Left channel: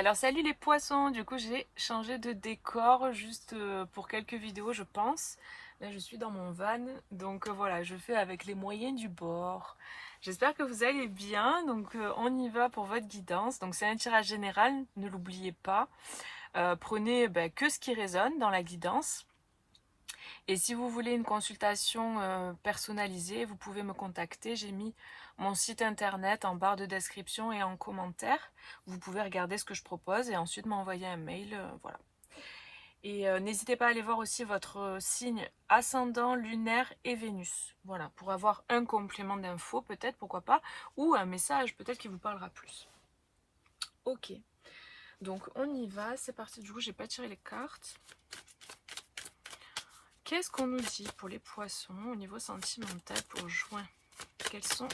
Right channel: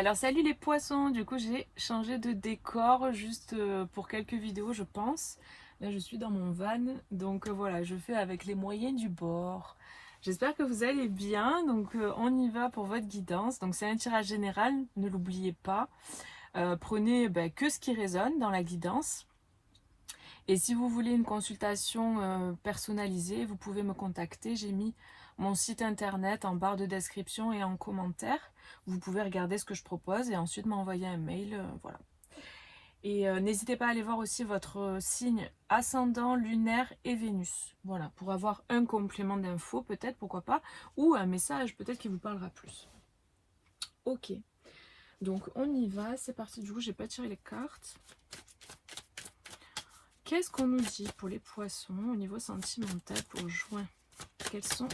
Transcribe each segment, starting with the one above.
Alors salut les poissons, du coup j'ai changé de décor juste pour quelques vidéos je pense. Là je suis dans mon van, donc voilà, je fais avec les moyens du bord. J'espère que vous allez bien, donc on y va pour votre guidance. Donc c'est un tirage général, ne l'oubliez pas. Prenez que ce qui résonne dans la guidance. Et si vous voulez une consultation personnalisée, vous pouvez me contacter. J'ai mis mon site internet en barre de description et en commentaire. Vous pouvez regarder ce que je propose et ensuite m'envoyer un mail. Voilà. Et n'hésitez pas à aller voir aussi votre signe ascendant, lunaire et Vénus. Voilà, pour avoir un complément d'infos peut-être, pourquoi pas, ou un message peut-être qui vous parlera plus. Ok, donc on y va, c'est parti. Du coup, j'ai pas tiré les cartes. Qu'est-ce qu'on nous dit pour les poissons au niveau sentimental pour juin? Quels sont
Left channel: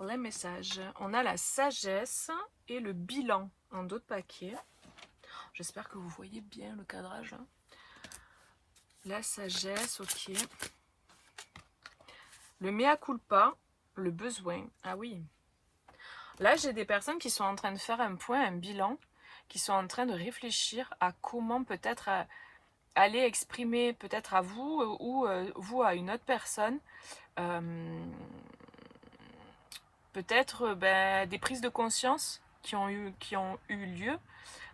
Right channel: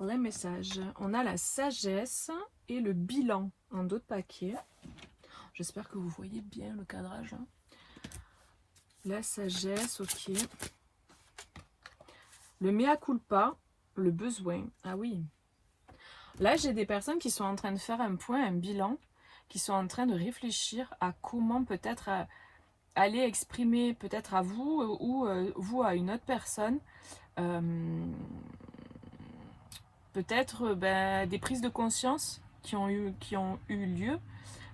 les messages? On a la sagesse et le bilan en d'autres paquets. J'espère que vous voyez bien le cadrage. La sagesse, ok. Le mea culpa, le besoin. Ah oui. Là, j'ai des personnes qui sont en train de faire un point, un bilan, qui sont en train de réfléchir à comment peut-être aller exprimer peut-être à vous ou vous à une autre personne peut-être des prises de conscience qui ont eu lieu.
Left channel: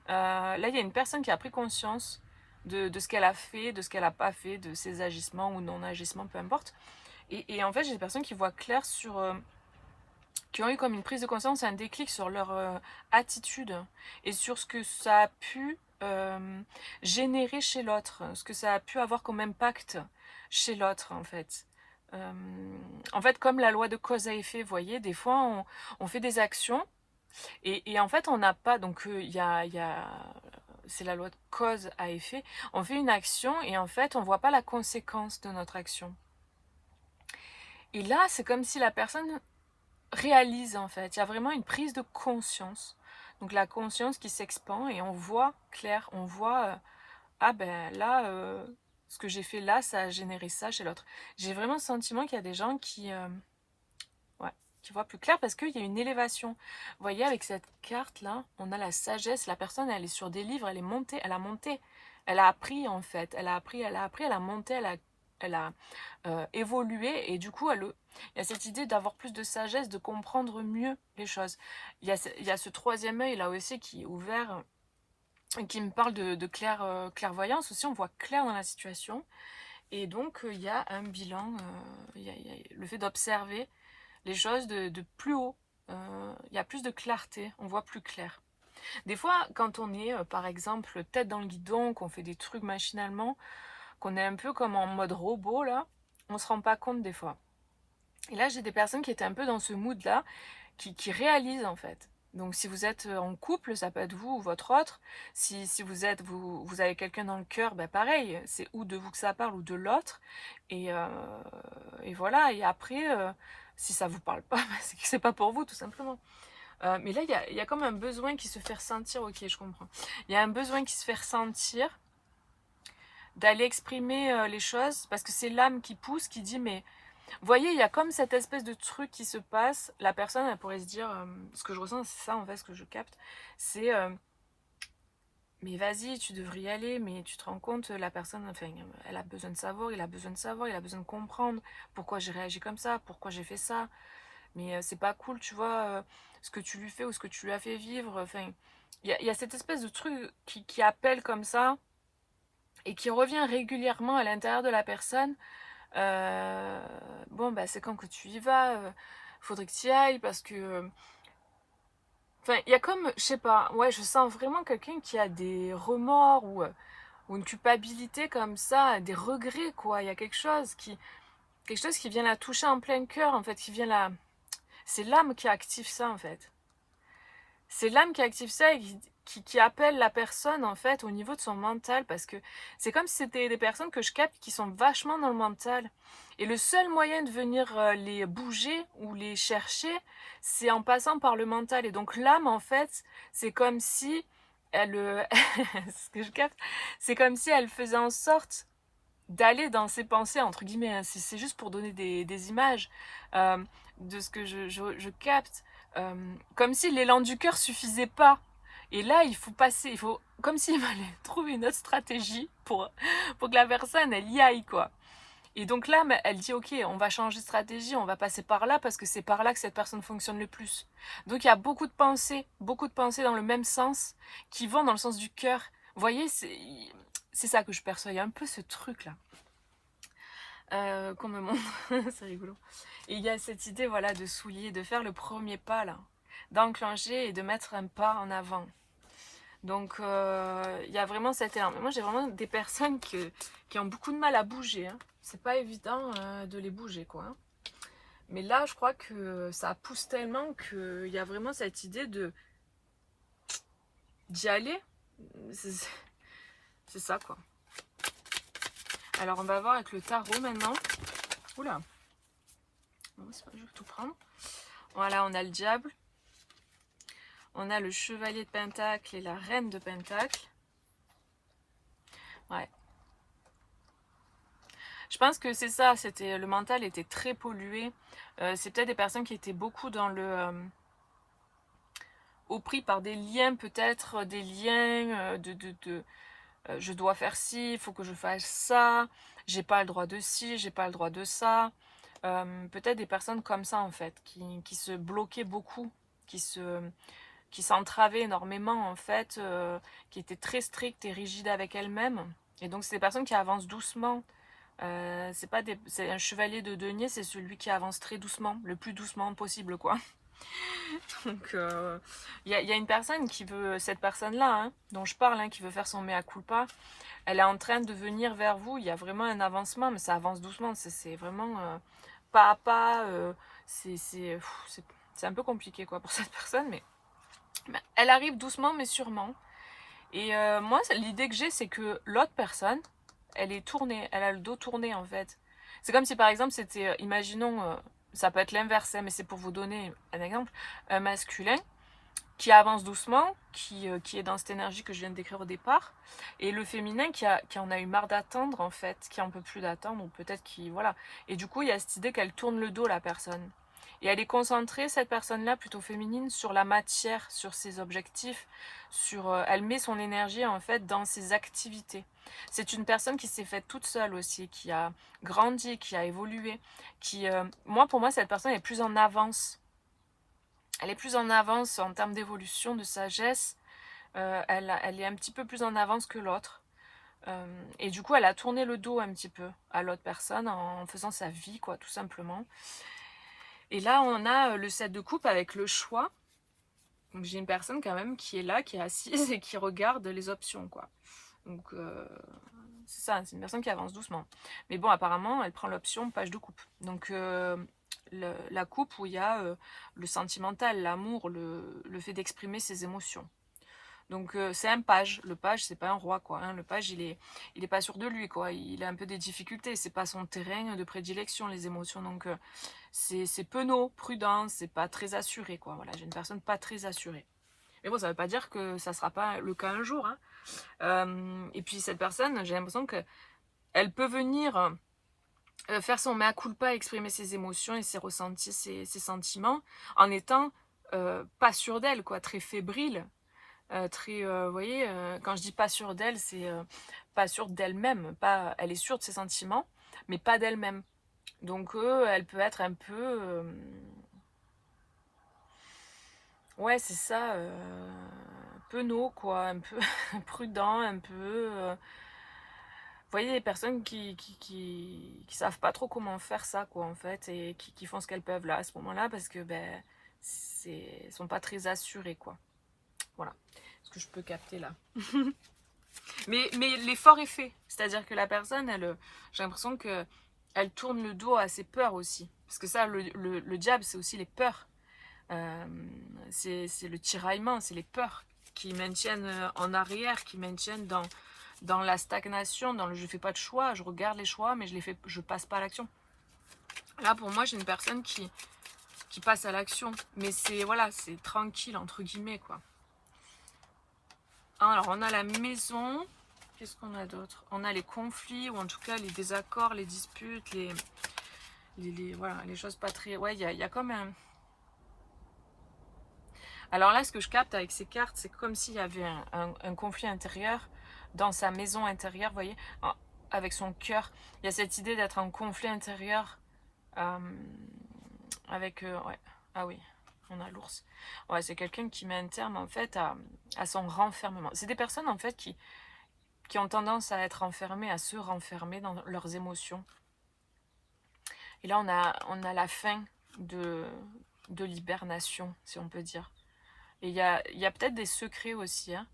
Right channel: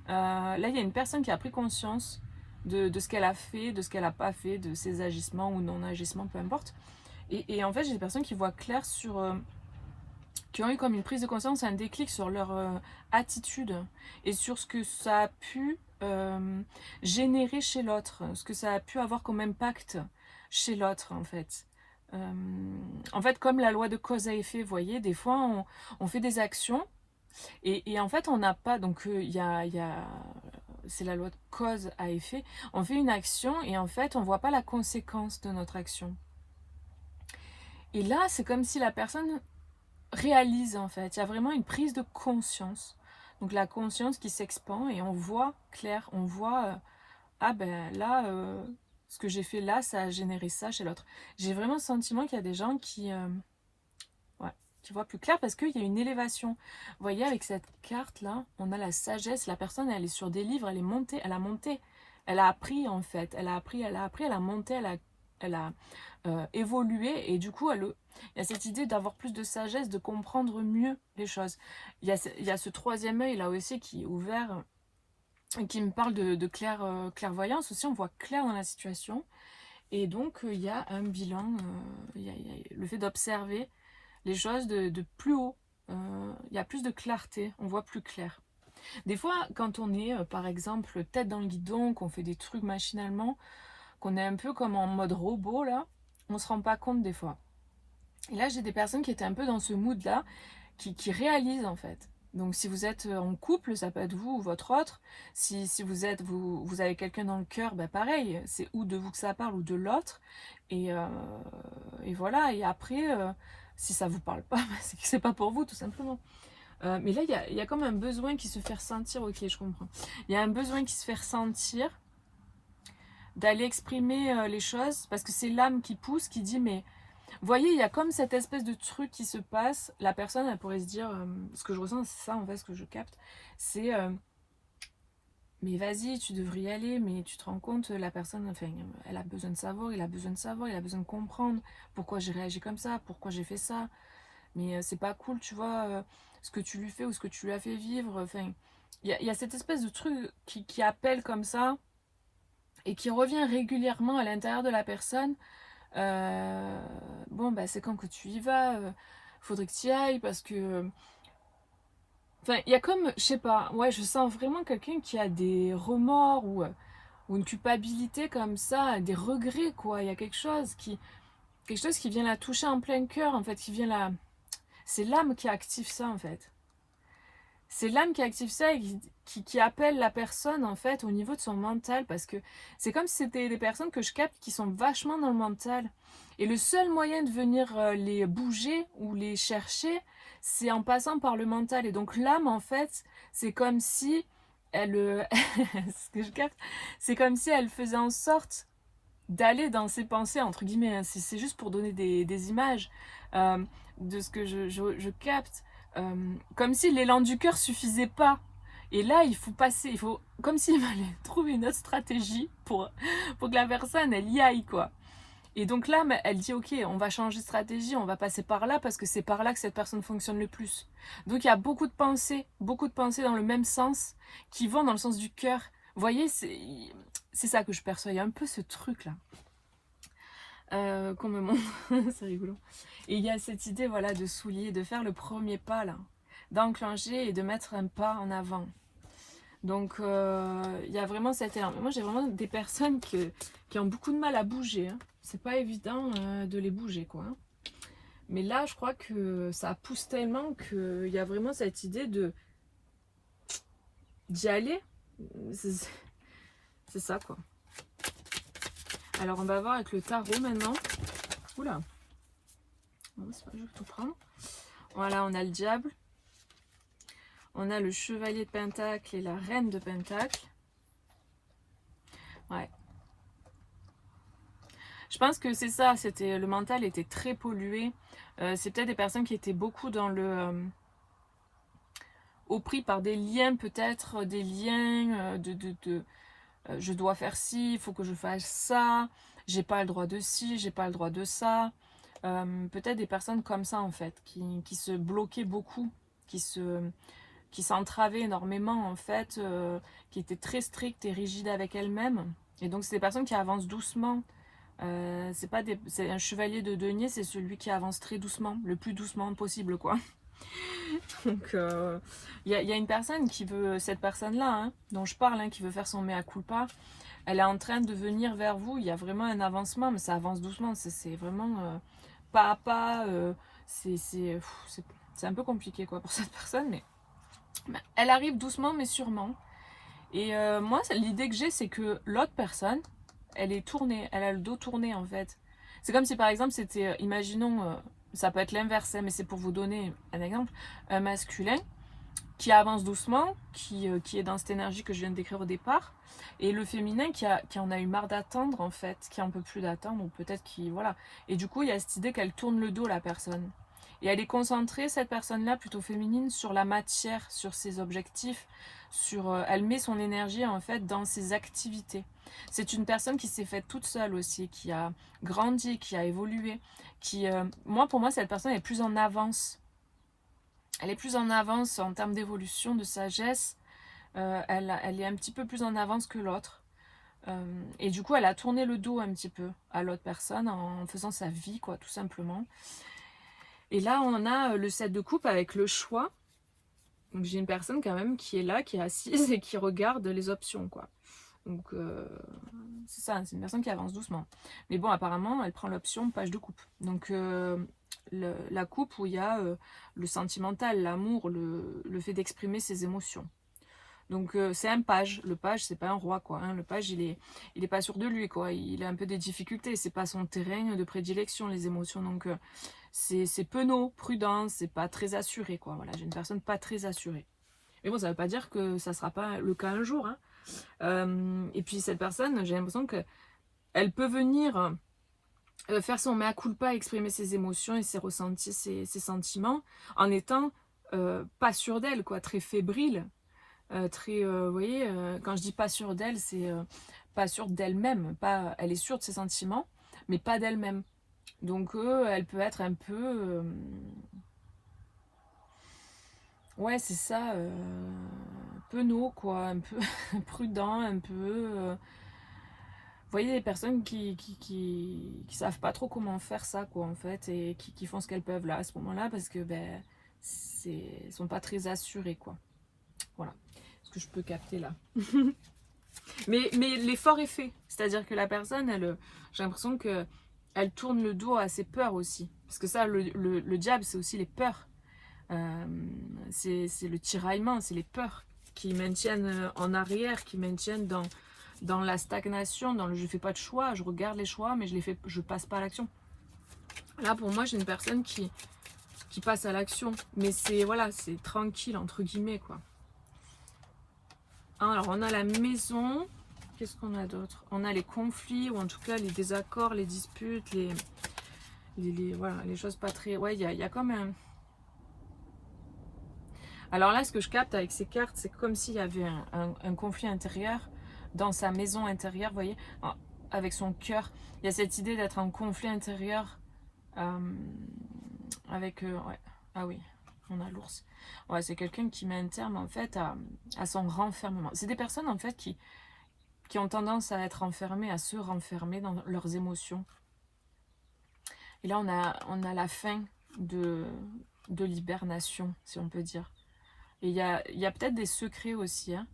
Là, il y a une personne qui a pris conscience de ce qu'elle a fait, de ce qu'elle n'a pas fait, de ses agissements ou non-agissements, peu importe. Et en fait, j'ai des personnes qui voient clair sur... qui ont eu comme une prise de conscience, un déclic sur leur attitude et sur ce que ça a pu générer chez l'autre, ce que ça a pu avoir comme impact chez l'autre, en fait. En fait, comme la loi de cause à effet, vous voyez, des fois, on fait des actions et en fait, on n'a pas... Donc, c'est la loi de cause à effet. On fait une action et en fait, on ne voit pas la conséquence de notre action. Et là, c'est comme si la personne réalise, en fait. Il y a vraiment une prise de conscience. Donc, la conscience qui s'expand et on voit clair, on voit... ah ben là, ce que j'ai fait là, ça a généré ça chez l'autre. J'ai vraiment le sentiment qu'il y a des gens qui voient plus clair parce qu'il y a une élévation. Vous voyez, avec cette carte-là, on a la sagesse. La personne, elle est sur des livres, elle est montée, elle a monté. Elle a appris, en fait. Elle a appris, elle a monté, elle a évolué. Et du coup, il y a cette idée d'avoir plus de sagesse, de comprendre mieux les choses. Il y a ce troisième œil, là aussi, qui est ouvert, qui me parle de clairvoyance aussi. On voit clair dans la situation. Et donc, il y a un bilan, il y a le fait d'observer les choses de plus haut. Il y a plus de clarté, on voit plus clair. Des fois, quand on est, par exemple, tête dans le guidon, qu'on fait des trucs machinalement, qu'on est un peu comme en mode robot, là, on se rend pas compte des fois. Et là, j'ai des personnes qui étaient un peu dans ce mood-là, qui réalisent en fait. Donc si vous êtes en couple, ça peut être vous ou votre autre. Si vous avez quelqu'un dans le cœur, ben pareil, c'est ou de vous que ça parle ou de l'autre. Et voilà, et après, si ça vous parle pas, c'est que c'est pas pour vous tout simplement. Mais là, il y a comme un besoin qui se fait ressentir, ok, je comprends. Il y a un besoin qui se fait ressentir, d'aller exprimer les choses, parce que c'est l'âme qui pousse, qui dit, mais vous voyez, il y a comme cette espèce de truc qui se passe. La personne, elle pourrait se dire, ce que je ressens, c'est ça en fait, ce que je capte, c'est, mais vas-y, tu devrais y aller, mais tu te rends compte, la personne, enfin, elle a besoin de savoir, il a besoin de savoir, il a besoin de comprendre pourquoi j'ai réagi comme ça, pourquoi j'ai fait ça. Mais c'est pas cool, tu vois, ce que tu lui fais ou ce que tu lui as fait vivre. Enfin, il y a cette espèce de truc qui appelle comme ça et qui revient régulièrement à l'intérieur de la personne. Bon, bah, c'est quand que tu y vas, faudrait que tu y ailles parce que. Enfin, il y a comme, je sais pas, ouais, je sens vraiment quelqu'un qui a des remords ou une culpabilité comme ça, des regrets, quoi. Il y a quelque chose qui vient la toucher en plein cœur, en fait, qui vient la. C'est l'âme qui active ça, en fait. C'est l'âme qui active ça et qui appelle la personne, en fait, au niveau de son mental, parce que c'est comme si c'était des personnes que je capte qui sont vachement dans le mental. Et le seul moyen de venir les bouger ou les chercher, c'est en passant par le mental. Et donc l'âme, en fait, c'est comme si elle... ce que je capte, c'est comme si elle faisait en sorte d'aller dans ses pensées, entre guillemets, hein. C'est juste pour donner des images euh, de ce que je capte. Comme si l'élan du cœur suffisait pas. Et là, il faut passer, il faut, comme s'il fallait trouver une autre stratégie pour que la personne, elle y aille, quoi. Et donc là, elle dit, ok, on va changer de stratégie, on va passer par là parce que c'est par là que cette personne fonctionne le plus. Donc il y a beaucoup de pensées dans le même sens, qui vont dans le sens du cœur. Vous voyez, c'est ça que je perçois. Il y a un peu ce truc-là qu'on me montre, c'est rigolo. Et il y a cette idée, voilà, de soulier, de faire le premier pas, là, d'enclencher et de mettre un pas en avant. Donc, il y a vraiment cette élan. Moi, j'ai vraiment des personnes qui ont beaucoup de mal à bouger. Hein. C'est pas évident de les bouger, quoi. Hein. Mais là, je crois que ça pousse tellement qu'il y a vraiment cette idée d'y aller. C'est ça, quoi. Alors, on va voir avec le tarot maintenant. Oula. Non, c'est pas, je vais tout prendre. Voilà, on a le diable. On a le chevalier de Pentacle et la reine de Pentacle. Ouais. Je pense que c'est ça, le mental était très pollué. C'est peut-être des personnes qui étaient beaucoup dans au prix par des liens, peut-être, des liens je dois faire ci, il faut que je fasse ça, j'ai pas le droit de ci, j'ai pas le droit de ça. Peut-être des personnes comme ça, en fait, qui se bloquaient beaucoup, qui s'entravaient énormément, en fait, qui étaient très strictes et rigides avec elles-mêmes. Et donc, c'est des personnes qui avancent doucement. C'est un chevalier de denier, c'est celui qui avance très doucement, le plus doucement possible, quoi. Donc, y a une personne qui veut, cette personne-là, hein, dont je parle, hein, qui veut faire son mea culpa, elle est en train de venir vers vous. Il y a vraiment un avancement, mais ça avance doucement. C'est vraiment pas à pas. C'est un peu compliqué, quoi, pour cette personne, mais elle arrive doucement, mais sûrement. Et moi, l'idée que j'ai, c'est que l'autre personne, elle est tournée, elle a le dos tourné, en fait. C'est comme si, par exemple, c'était, imaginons, ça peut être l'inverse, hein, mais c'est pour vous donner un exemple, un masculin qui avance doucement, qui est dans cette énergie que je viens de décrire au départ, et le féminin qui en a eu marre d'attendre, en fait, qui en peut plus d'attendre, ou peut-être qui, voilà. Et du coup, il y a cette idée qu'elle tourne le dos, la personne. Et elle est concentrée, cette personne-là, plutôt féminine, sur la matière, sur ses objectifs, elle met son énergie, en fait, dans ses activités. C'est une personne qui s'est faite toute seule aussi, qui a grandi, qui a évolué, pour moi, cette personne est plus en avance. Elle est plus en avance en termes d'évolution, de sagesse. Elle est un petit peu plus en avance que l'autre. Et du coup, elle a tourné le dos un petit peu à l'autre personne en faisant sa vie, quoi, tout simplement. Et là, on a le 7 de coupe avec le choix. Donc, j'ai une personne quand même qui est là, qui est assise et qui regarde les options, quoi. Donc, c'est ça, c'est une personne qui avance doucement. Mais bon, apparemment, elle prend l'option page de coupe. Donc, la coupe où il y a le sentimental, l'amour, le fait d'exprimer ses émotions. Donc c'est un page. Le page, c'est pas un roi, quoi. Hein. Le page, il est pas sûr de lui, quoi. Il a un peu des difficultés. C'est pas son terrain de prédilection, les émotions. Donc c'est penaud, prudent, c'est pas très assuré, quoi. Voilà, j'ai une personne pas très assurée. Mais bon, ça veut pas dire que ça sera pas le cas un jour. Hein. Et puis cette personne, j'ai l'impression que elle peut venir faire son mea culpa, exprimer ses émotions et ses ressentis, ses sentiments, en étant pas sûre d'elle, quoi, très fébrile. Vous voyez, quand je dis pas sûre d'elle, c'est pas sûre d'elle-même. Elle est sûre de ses sentiments, mais pas d'elle-même. Donc, elle peut être un peu... ouais, c'est ça. Penaud, quoi. Un peu prudent, un peu... vous voyez, des personnes qui savent pas trop comment faire ça, quoi, en fait, et qui font ce qu'elles peuvent là, à ce moment-là, parce que, ben, sont pas très assurées, quoi. Voilà ce que je peux capter là. mais l'effort est fait. C'est-à-dire que la personne, j'ai l'impression qu'elle tourne le dos à ses peurs aussi. Parce que ça, le diable, c'est aussi les peurs. C'est le tiraillement, c'est les peurs qui maintiennent en arrière, qui maintiennent dans la stagnation, dans le je fais pas de choix, je regarde les choix, mais je passe pas à l'action. Là, pour moi, j'ai une personne qui passe à l'action. Mais c'est tranquille, entre guillemets, quoi. Alors, on a la maison. Qu'est-ce qu'on a d'autre? On a les conflits, ou en tout cas les désaccords, les disputes, les choses pas très... Ouais, il y a comme un... Alors là, ce que je capte avec ces cartes, c'est comme s'il y avait un conflit intérieur dans sa maison intérieure, vous voyez, avec son cœur. Il y a cette idée d'être en conflit intérieur avec... ouais. Ah oui, on a l'ours. Ouais, c'est quelqu'un qui met un terme en fait à son renfermement. C'est des personnes en fait qui ont tendance à être enfermées, à se renfermer dans leurs émotions. Et là, on a la fin de l'hibernation, si on peut dire. Et il y a peut-être des secrets aussi, hein,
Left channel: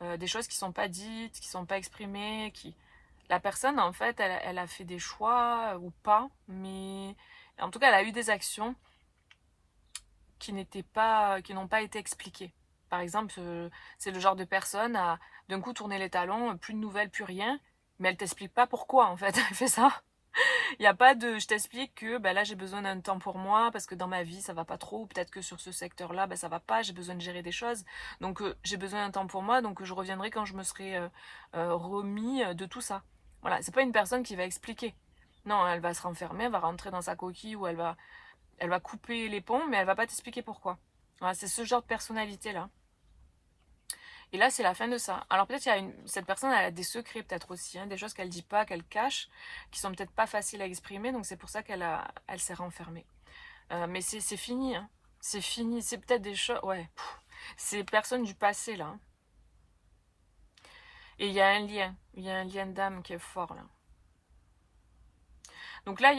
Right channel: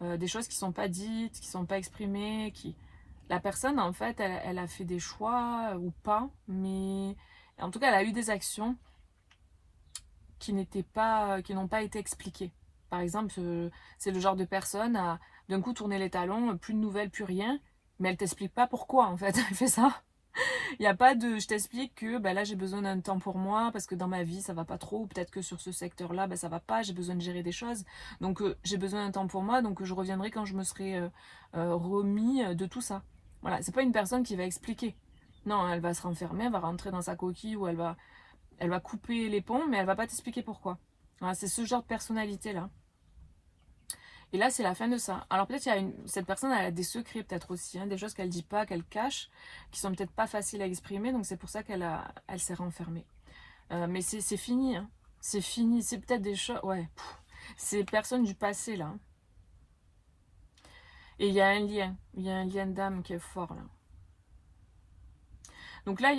des choses qui ne sont pas dites, qui ne sont pas exprimées, qui... La personne, en fait, elle a fait des choix ou pas, mais en tout cas, elle a eu des actions qui n'ont pas été expliquées. Par exemple, c'est le genre de personne à d'un coup tourner les talons, plus de nouvelles, plus rien, mais elle t'explique pas pourquoi, en fait, elle fait ça. Il n'y a pas de je t'explique que bah, là j'ai besoin d'un temps pour moi parce que dans ma vie ça va pas trop, ou peut-être que sur ce secteur-là bah, ça va pas, j'ai besoin de gérer des choses. Donc j'ai besoin d'un temps pour moi, donc je reviendrai quand je me serai remis de tout ça. Voilà, c'est pas une personne qui va expliquer. Non, elle va se renfermer, elle va rentrer dans sa coquille ou elle va couper les ponts, mais elle va pas t'expliquer pourquoi. Voilà, c'est ce genre de personnalité-là. Et là, c'est la fin de ça. Alors peut-être cette personne, elle a des secrets peut-être aussi, hein, des choses qu'elle dit pas, qu'elle cache, qui sont peut-être pas faciles à exprimer, donc c'est pour ça elle s'est renfermée. Mais c'est fini, hein. C'est fini. C'est peut-être des choses... Ouais, c'est personne du passé, là. Et il y a un lien. Il y a un lien d'âme qui est fort, là. Donc là,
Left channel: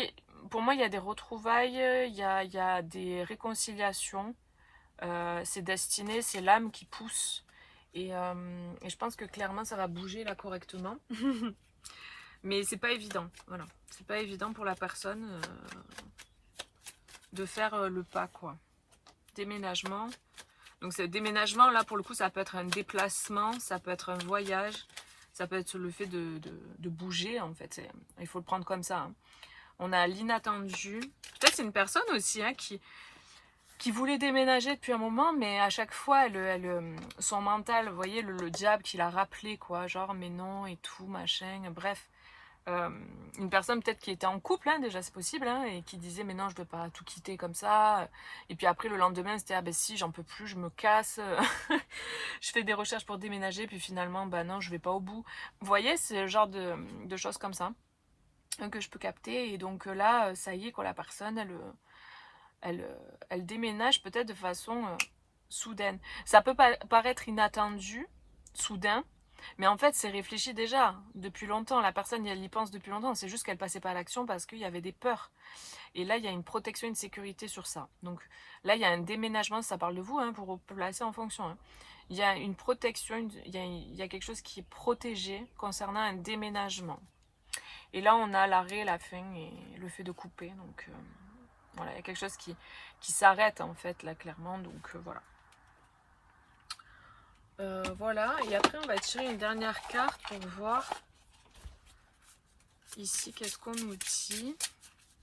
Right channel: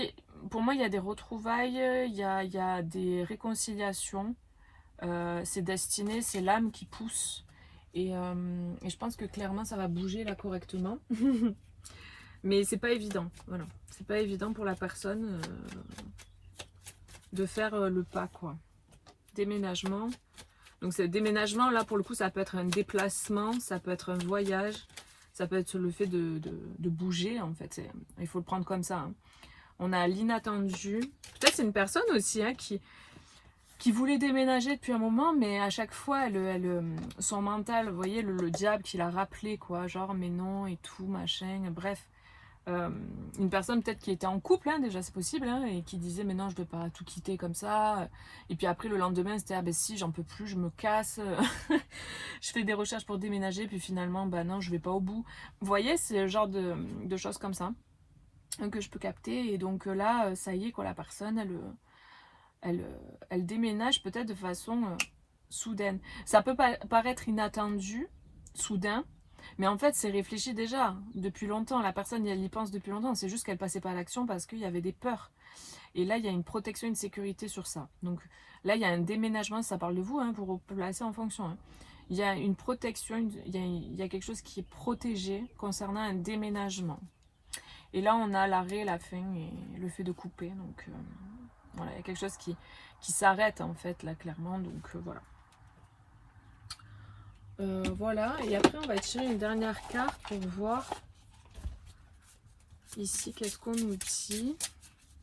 pour moi, il y a des retrouvailles, il y a des réconciliations. C'est destiné, c'est l'âme qui pousse. Et je pense que clairement, ça va bouger, là, correctement. Mais c'est pas évident, voilà. C'est pas évident pour la personne de faire le pas, quoi. Déménagement. Donc, ce déménagement, là, pour le coup, ça peut être un déplacement, ça peut être un voyage, ça peut être le fait de bouger, en fait. Il faut le prendre comme ça, hein. On a l'inattendu. Peut-être c'est une personne aussi, hein, qui voulait déménager depuis un moment, mais à chaque fois, son mental, vous voyez, le diable qui l'a rappelé, quoi. Genre, mais non, et tout, machin, bref. Une personne peut-être qui était en couple, hein, déjà c'est possible, hein, et qui disait mais non je ne dois pas tout quitter comme ça, et puis après le lendemain c'était ah ben si j'en peux plus, je me casse, je fais des recherches pour déménager, puis finalement bah non je vais pas au bout. Vous voyez, c'est le genre de choses comme ça que je peux capter, et donc là ça y est quoi, la personne elle déménage peut-être de façon soudaine. Ça peut paraître inattendu, soudain, mais en fait, c'est réfléchi déjà depuis longtemps. La personne, elle y pense depuis longtemps. C'est juste qu'elle passait pas à l'action parce qu'il y avait des peurs. Et là, il y a une protection, une sécurité sur ça. Donc là, il y a un déménagement. Ça parle de vous, hein, pour vous placer en fonction, hein. Il y a une protection, il y a quelque chose qui est protégé concernant un déménagement. Et là, on a l'arrêt, la fin et le fait de couper. Donc voilà, il y a quelque chose qui s'arrête en fait, là, clairement. Donc voilà. Voilà, et après on va tirer une dernière carte pour voir ici qu'est-ce qu'on nous dit.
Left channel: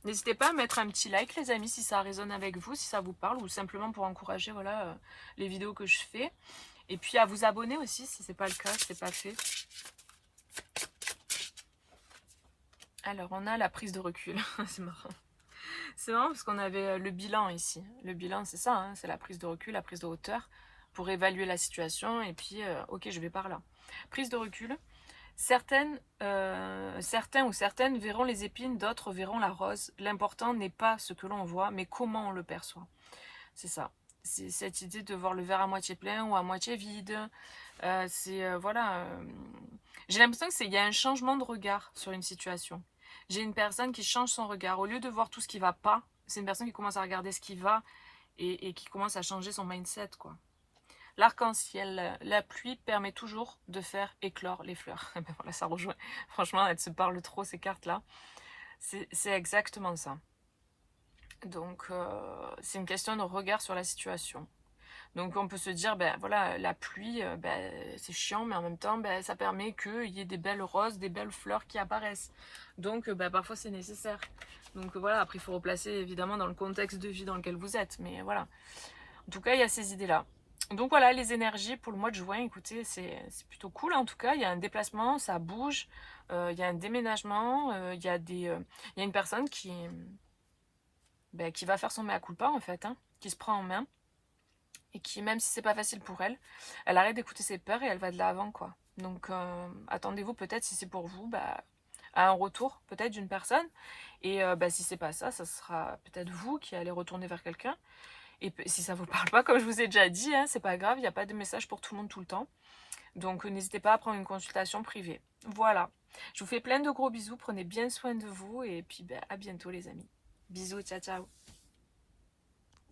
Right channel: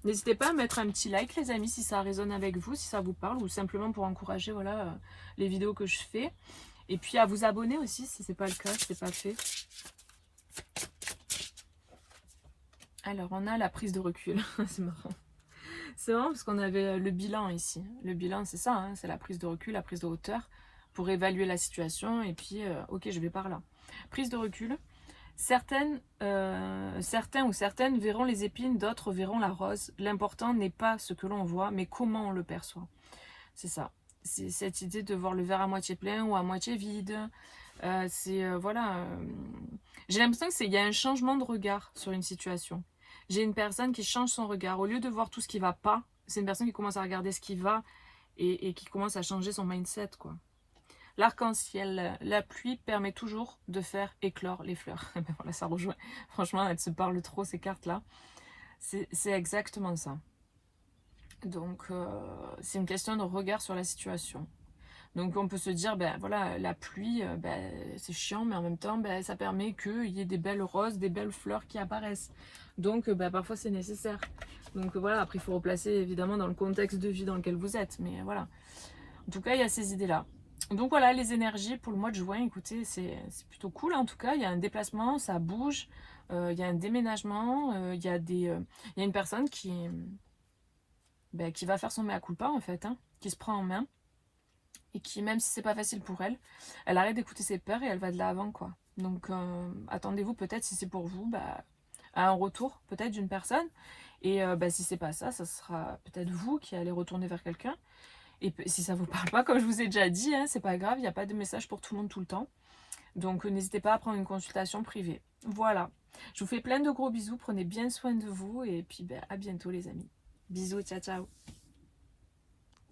N'hésitez pas à mettre un petit like les amis si ça résonne avec vous, si ça vous parle, ou simplement pour encourager voilà, les vidéos que je fais. Et puis à vous abonner aussi si ce n'est pas le cas, si ce n'est pas fait. Alors on a la prise de recul, c'est marrant. C'est marrant parce qu'on avait le bilan ici. Le bilan c'est ça, hein, c'est la prise de recul, la prise de hauteur pour évaluer la situation et puis ok je vais par là. Prise de recul. Certains ou certaines verront les épines, d'autres verront la rose. L'important n'est pas ce que l'on voit, mais comment on le perçoit. C'est ça. C'est cette idée de voir le verre à moitié plein ou à moitié vide. Voilà. J'ai l'impression qu'il y a un changement de regard sur une situation. J'ai une personne qui change son regard. Au lieu de voir tout ce qui ne va pas, c'est une personne qui commence à regarder ce qui va et qui commence à changer son mindset, quoi. L'arc-en-ciel, la pluie permet toujours de faire éclore les fleurs. Ben voilà, ça rejoint. Franchement, elles se parlent trop, ces cartes-là. C'est exactement ça. Donc, c'est une question de regard sur la situation. Donc, on peut se dire, ben voilà, la pluie, ben, c'est chiant, mais en même temps, ben, ça permet qu'il y ait des belles roses, des belles fleurs qui apparaissent. Donc, ben, parfois, c'est nécessaire. Donc, voilà, après, il faut replacer, évidemment, dans le contexte de vie dans lequel vous êtes. Mais voilà. En tout cas, il y a ces idées-là. Donc voilà, les énergies pour le mois de juin, écoutez, c'est plutôt cool en tout cas. Il y a un déplacement, ça bouge, il y a un déménagement, il y a une personne qui va faire son mea culpa en fait, hein, qui se prend en main. et qui, même si c'est pas facile pour elle, elle arrête d'écouter ses peurs et elle va de l'avant, quoi. Donc, attendez-vous peut-être, si c'est pour vous, bah, à un retour, peut-être d'une personne. Et bah, si c'est pas ça, ça sera peut-être vous qui allez retourner vers quelqu'un. Et si ça vous parle pas, comme je vous ai déjà dit, hein, c'est pas grave, il n'y a pas de message pour tout le monde tout le temps. Donc, n'hésitez pas à prendre une consultation privée. Voilà. Je vous fais plein de gros bisous, prenez bien soin de vous et puis bah, à bientôt les amis. Bisous, ciao ciao.